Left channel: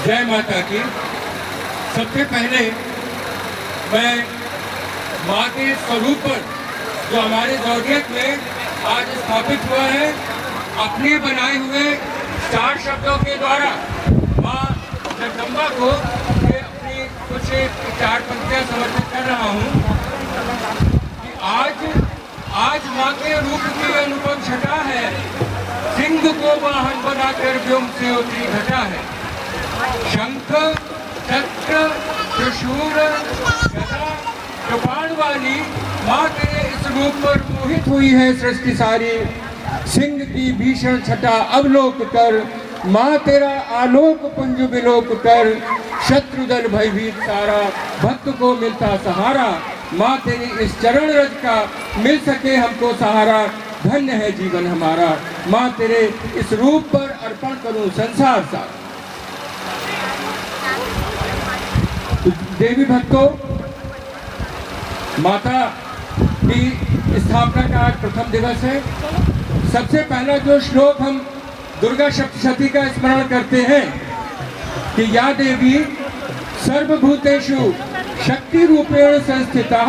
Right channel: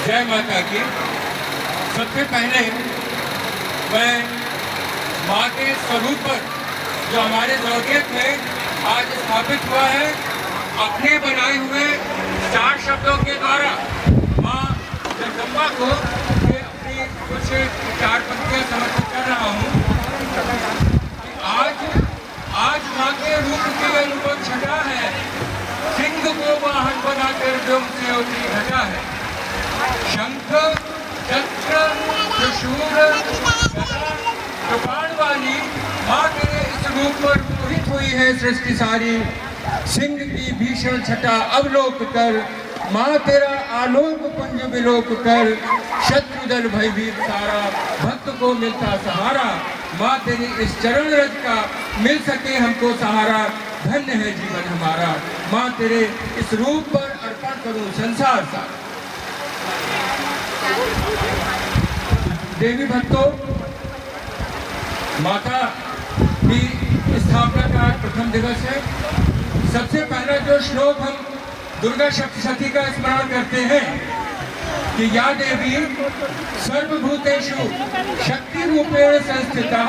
जय माता की। सबसे पहले मैं माँ के स्वरूप पर जो हमारे दौलत में आज स्थापित हुआ है, अपने बनाए हुए 4 शब्दों के द्वारा माँ जगदम्बा को अपनी कुछ 4 पंक्तियां समर्पित कर रहा हूँ। आज माँ के रूप की अनुपम छटा है, सिंह को वाहन बनाकर व्योम से उतरी घटा है। शंख चक्र त्रिशूल कृपाण वाली माँ तेरे इस रूप पर मोहित हुई है सृष्टि सारी। सिंह की भीषण छटा अवलोक कर, माँ तेरा आलोक पुंज विलोक कर। शत्रुदल भयभीत सारा, भक्त को मिलता सहारा। माँ तेरी इस चरण रज का मिल सके हमको सहारा। धन्य है जीवन हमारा, माँ तेरे इस रूप पर अर्पण करूं संसार सा। देवी भक्तों, माता की स्थापना का आज प्रथम दिवस है। सबसे पहला जो श्लोक हम दुर्गा सप्तशती का स्मरण करते हैं कि या देवी सर्वभूतेषु शक्ति रूपेण संस्थिता,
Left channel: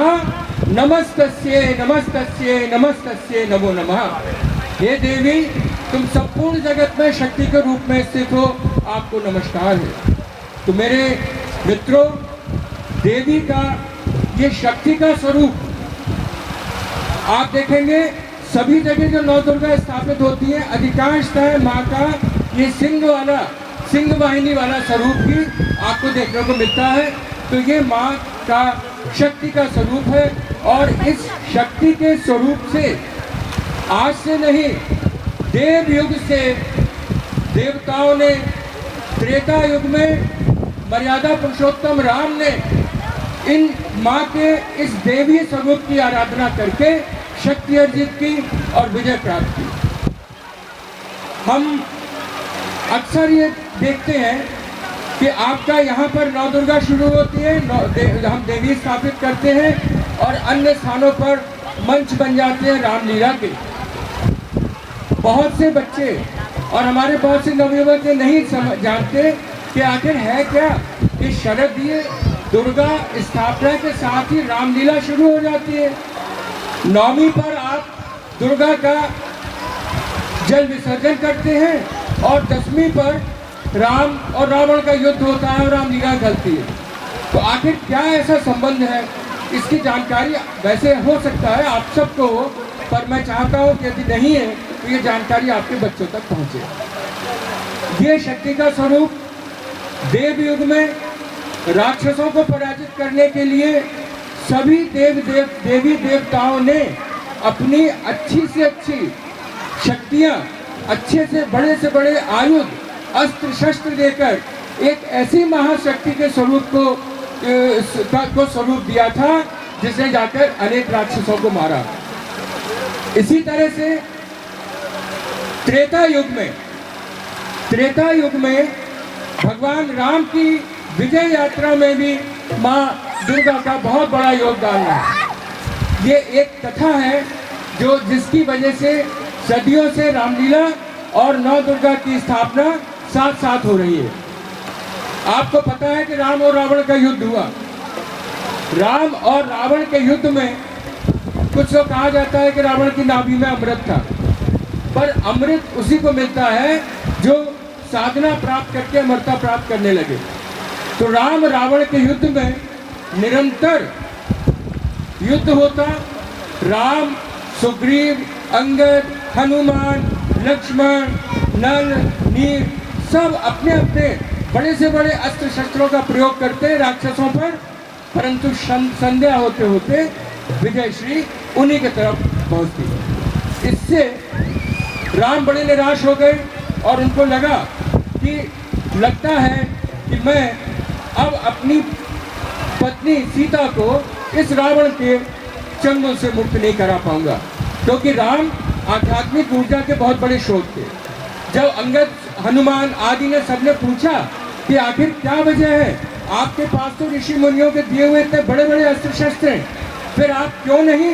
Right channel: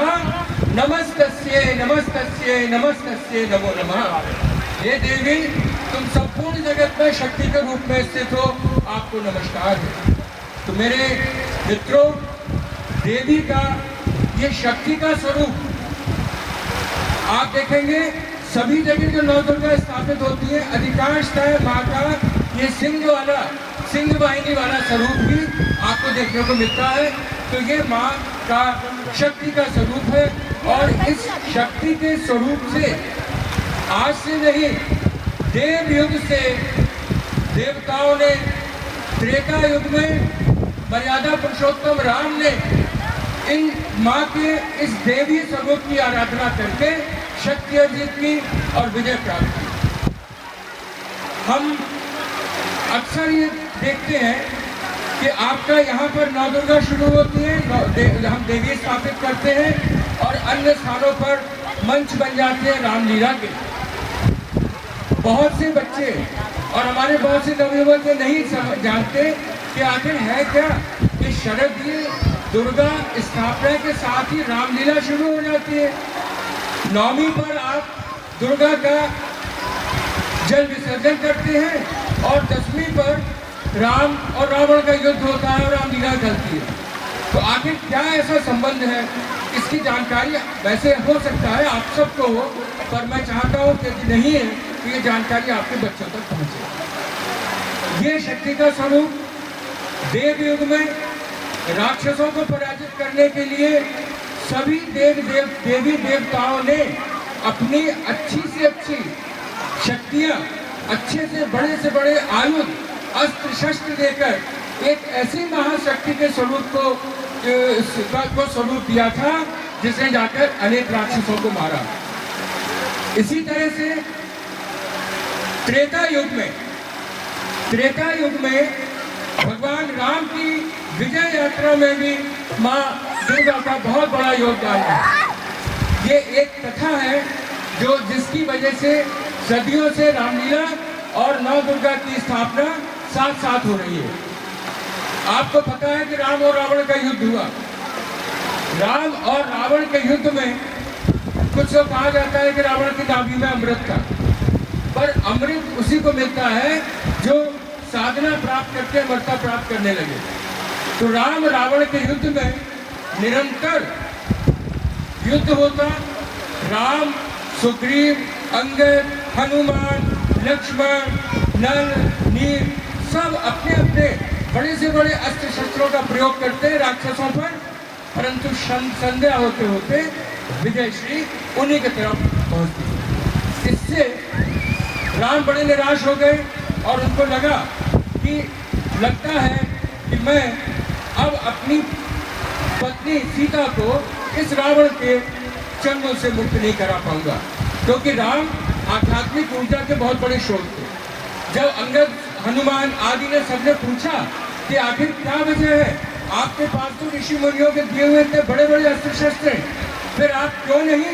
नमस्तस्यै नमस्तस्यै नमस्तस्यै नमो नमः। हे देवी, तुम संपूर्ण जगत में शक्ति के रूप में स्थित हो, आपको नमस्कार है। तो मेरे मित्रों, देवी का ये शक्ति का स्वरूप आप देखेंगे सभी जगह जो नौ दुर्गा स्थापित होती है, अधिकांशतः माँ का ये सिंह वाहिनी वाला स्वरूप ही आपको देखने को मिलता है। तो ये माँ का शक्ति का स्वरूप है और इस शक्ति के स्वरूप से आज से नहीं, देव युग से देवताओं ने, त्रेता युग में मर्यादा पुरुषोत्तम राम ने इन माँ के इस देवी स्वरूप की आराधना करके शक्ति अर्जित की और विजय प्राप्त की। हम अक्सर ये देखते हैं कि आपका यहाँ पर नौ दुर्गा शुरू होती है, हम देवी स्थापित करते हैं और अन्य स्थानों पर मंच बन जाते हैं रामलीला के। बहुत से बच्चे और हमारे बहुत से नवयुवक ये नहीं जानते कि आखिर है क्या कि शरदीय दुर्गा स्थापना के साथ ही रामलीला शुरू हो जाती है। नौवीं पर आप दुर्गा का जल विसर्जन करते हैं और 10वीं पर राम और रावण का युद्ध होता है और रामलीला चलती है। तो आखिर क्या ऐसा संबंध है, इसकी जानकारी वैसे हो सकता है आप सबको हो, पर मैं चाहता हूँ कि यदि नहीं है तो ये जानकारी आपके बच्चों तक पहुँचे। ये शक्ति का स्वरूप देव युग में राक्षसों को पराजित करने के लिए सभी देवी देवताओं ने अपनी अच्छी से अच्छी शक्तियां, अच्छे से बड़े आयुध, अस्त्र शस्त्र देकर एक ऐसी महाशक्ति के स्वरूप को स्वरूप दिया था जिसने जाकर अनेक राक्षसों को मारा। इसी तरह से त्रेता युग में भगवान राम की विजय यात्रा में भी माँ दुर्गा का बहुत बड़ा योगदान है। ये एक कथा है जिसकी वजह से सदियों से रामलीला और नौ दुर्गा की स्थापना साथ साथ हो रही है। आपको पता है कि राम और रावण का युद्ध हुआ। राम और रावण के युद्ध में कुछ तो कहा जाता है कि रावण की नाभि में अमृत था, पर अमृत उसी को मिलता है जो साधना प्राप्त करके अमरता प्राप्त करने लगे। तो राम रावण के युद्ध में निरंतर युद्ध होता। राम, सुग्रीव, अंगद, हनुमान, लक्ष्मण, नल, नील सब अपने अपने बड़े से बड़े अस्त्र शस्त्रों का प्रयोग करते राक्षसों पर, परंतु संध्या होते होते विजय श्री उन्हीं की तरफ पहुंचती। इससे राम बड़े निराश हो गए और उनको लगता है कि मैं अब अपनी पत्नी सीता को इस रावण के चंगुल से मुक्त नहीं करा पाऊंगा, क्योंकि राम आध्यात्मिक ऊर्जा के बहुत बड़े स्रोत थे। जब अंगद, हनुमान आदि ने सबने पूछा कि आखिर क्या वजह है, आपके पास तो ऋषि मुनियों के दिए हुए इतने बड़े बड़े अस्त्र शस्त्र हैं, फिर आप क्यों नहीं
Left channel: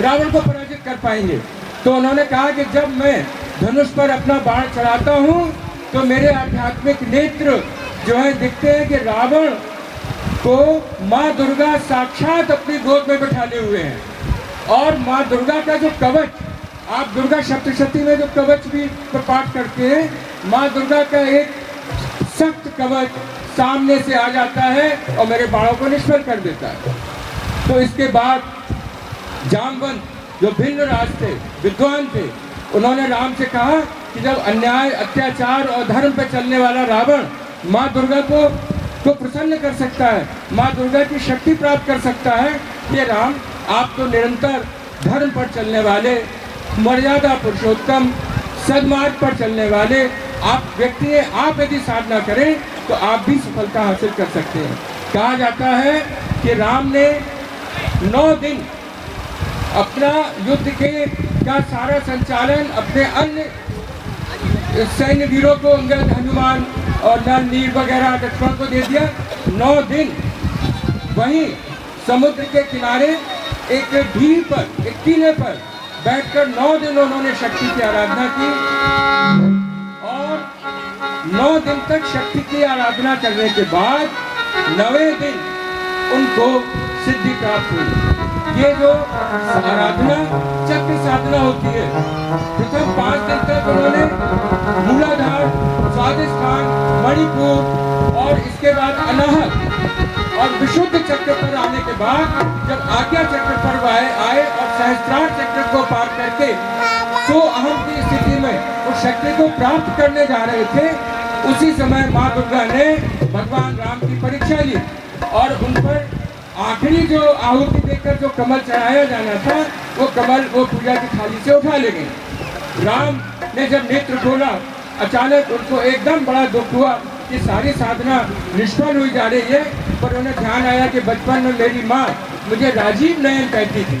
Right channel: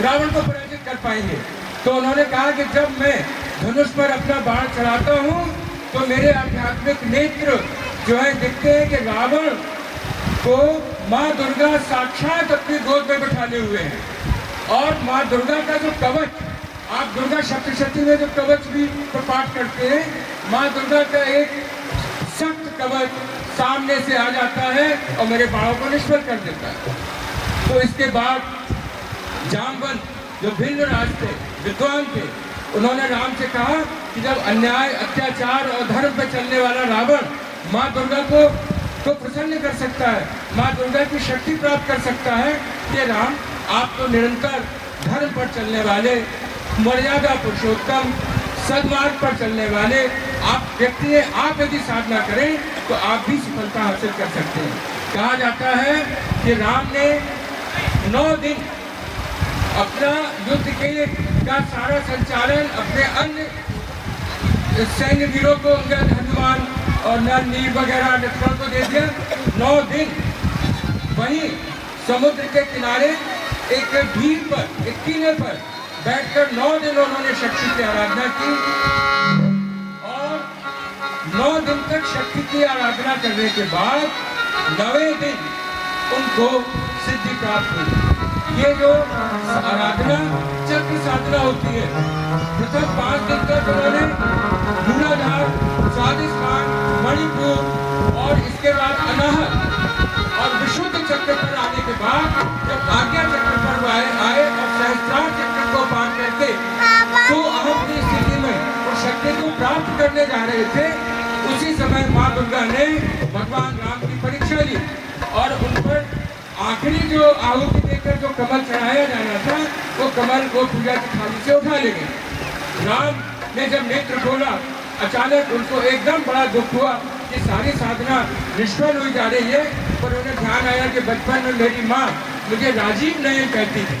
रावण को पराजित कर पाएंगे? तो उन्होंने कहा कि जब मैं धनुष पर अपना बाण चलाता हूँ तो मेरे आध्यात्मिक नेत्र जो है दिखते हैं कि रावण को माँ दुर्गा साक्षात अपनी गोद में बैठाने हुए हैं। और माँ दुर्गा का जो कवच, आप दुर्गा सप्तशती में जो कवच भी पाठ करते हैं, माँ दुर्गा का एक सख्त कवच सामने से आ जाता है और मेरे बाणों को निष्फल कर देता है। तो इसके बाद जामवंत जो भिन्न राज थे, विद्वान थे, उन्होंने राम से कहा कि जब अन्याय, अत्याचार और धर्म पर चलने वाला रावण माँ दुर्गा को प्रसन्न कर सकता है, माँ दुर्गा की शक्ति प्राप्त कर सकता है, कि राम आप तो निरंतर धर्म पर चलने वाले, मर्यादा पुरुषोत्तम, सद्मार्ग पर चलने वाले आप व्यक्ति हैं, आप यदि साधना करें तो आप भी सफलता हासिल कर सकते हैं। कहा जाता है कि राम ने 9 दिन अपना युद्ध का सारा संचालन अपने अन्य सैन्य वीरों को, अंगद, हनुमान और नल, नील वगैरह लक्ष्मण को दे दिया। 9 दिन वहीं समुद्र के किनारे एक ढील पर, एक टीले पर बैठकर 9 दिन उन्होंने शक्ति की आराधना की और 9 दिन तक शक्ति की आराधना करने के बाद 9वें दिन उनको सिद्धि प्राप्त हुई। ये जो आराधना चक्र साधना होती है, प्रथम 5 दिन तक उन्होंने मूलाधार, स्वादिष्ठान, मणिपुर और इसके बाद अनाहत और विशुद्ध चक्र पर आने के बाद जब आज्ञा चक्र पर आए और सहस्त्रार चक्र को पार करके तो अहम की स्थिति में उस शक्ति को प्राप्त करने जा रहे थे, उसी समय माँ दुर्गा ने भगवान राम की परीक्षा ली और उन पर आखिरी जो आहुति देकर जो कमल चढ़ाया जाना था वो कमल वो पूजा की थाली से उठा ले गए। राम ने जब नेत्र खोला, अचानक उनको एकदम बड़ा दुख हुआ कि सारी साधना निष्फल हुई जा रही है। पर उन्हें ध्यान आया कि बचपन में मेरी माँ मुझे राजीव नयन कहती थी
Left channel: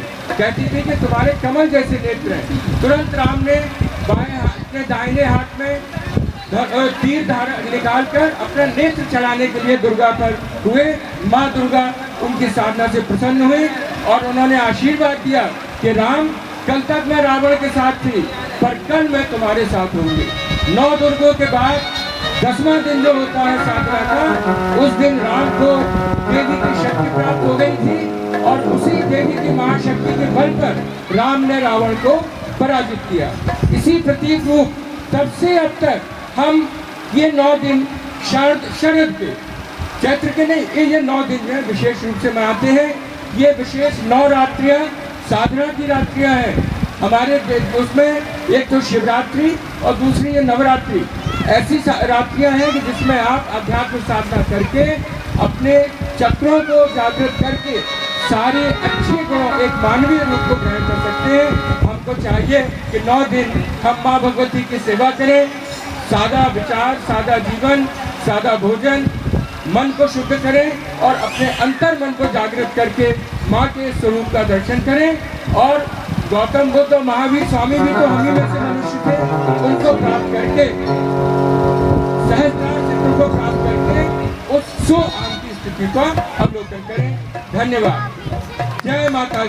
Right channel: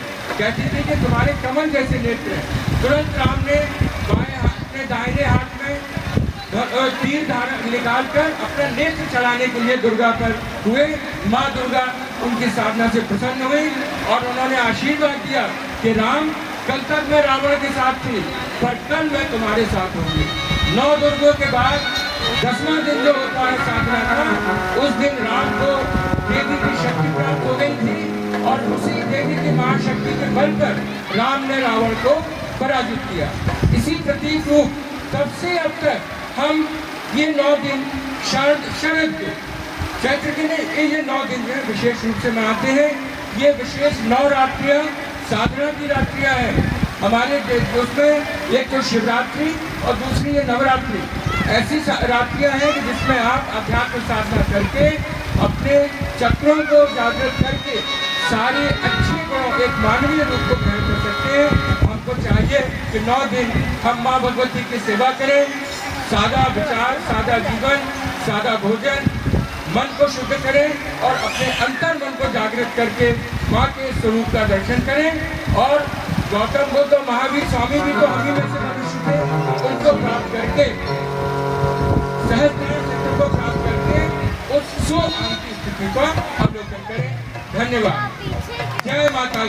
कि तुम्हारे कमल जैसे नेत्र हैं। तुरंत राम ने बाएं हाथ में, दाहिने हाथ में तीर धारा निकालकर अपना नेत्र चलाने के लिए दुर्गा पर हुए। माँ दुर्गा उनकी साधना से प्रसन्न हुई और उन्होंने आशीर्वाद दिया कि राम, कल तक मैं रावण के साथ थी पर कल मैं तुम्हारे साथ होंगी। 9 दुर्गों के बाद 10वां दिन जो होता है साधना का, उस दिन राम को देवी की शक्ति प्राप्त हो गई थी और उसी देवी की महाशक्ति के बल पर राम ने रावण को पराजित किया। इसी प्रतीक रूप तब से अब तक हम ये 9 दिन शरद के, चैत्र के नहीं, ये 9 दिन है विशेष रूप से मनाते हैं। ये विशेष 9 रात्रियां साधना की रात्रियां हैं हमारे उसमें। एक तो शिवरात्रि और दूसरी ये नवरात्रि, ऐसी रात्रियां हैं कि जिसमें आप अध्यात्म साधना करके अपने चक्रों को जागृत करके सारे अच्छे गुणों, एक मानवीय रूप को ग्रहण कर सकते हैं। हमको चाहिए कि 9 दिन हम माँ भगवती की सेवा करें, सादा विचार, सादा जीवन, सादा भोजन, मन को शुद्ध करें और अपने अंतर मन को जागृत करके माँ के स्वरूप का दर्शन करें। और गौतम बुद्ध और महावीर स्वामी भी तो हम ही में से मनुष्य थे, उनको प्राप्त करके, सहस्त्रार चक्र को प्राप्त करके उस स्व आंतरिक स्थिति का अवलोकन करें। धन्यवाद। जय माता।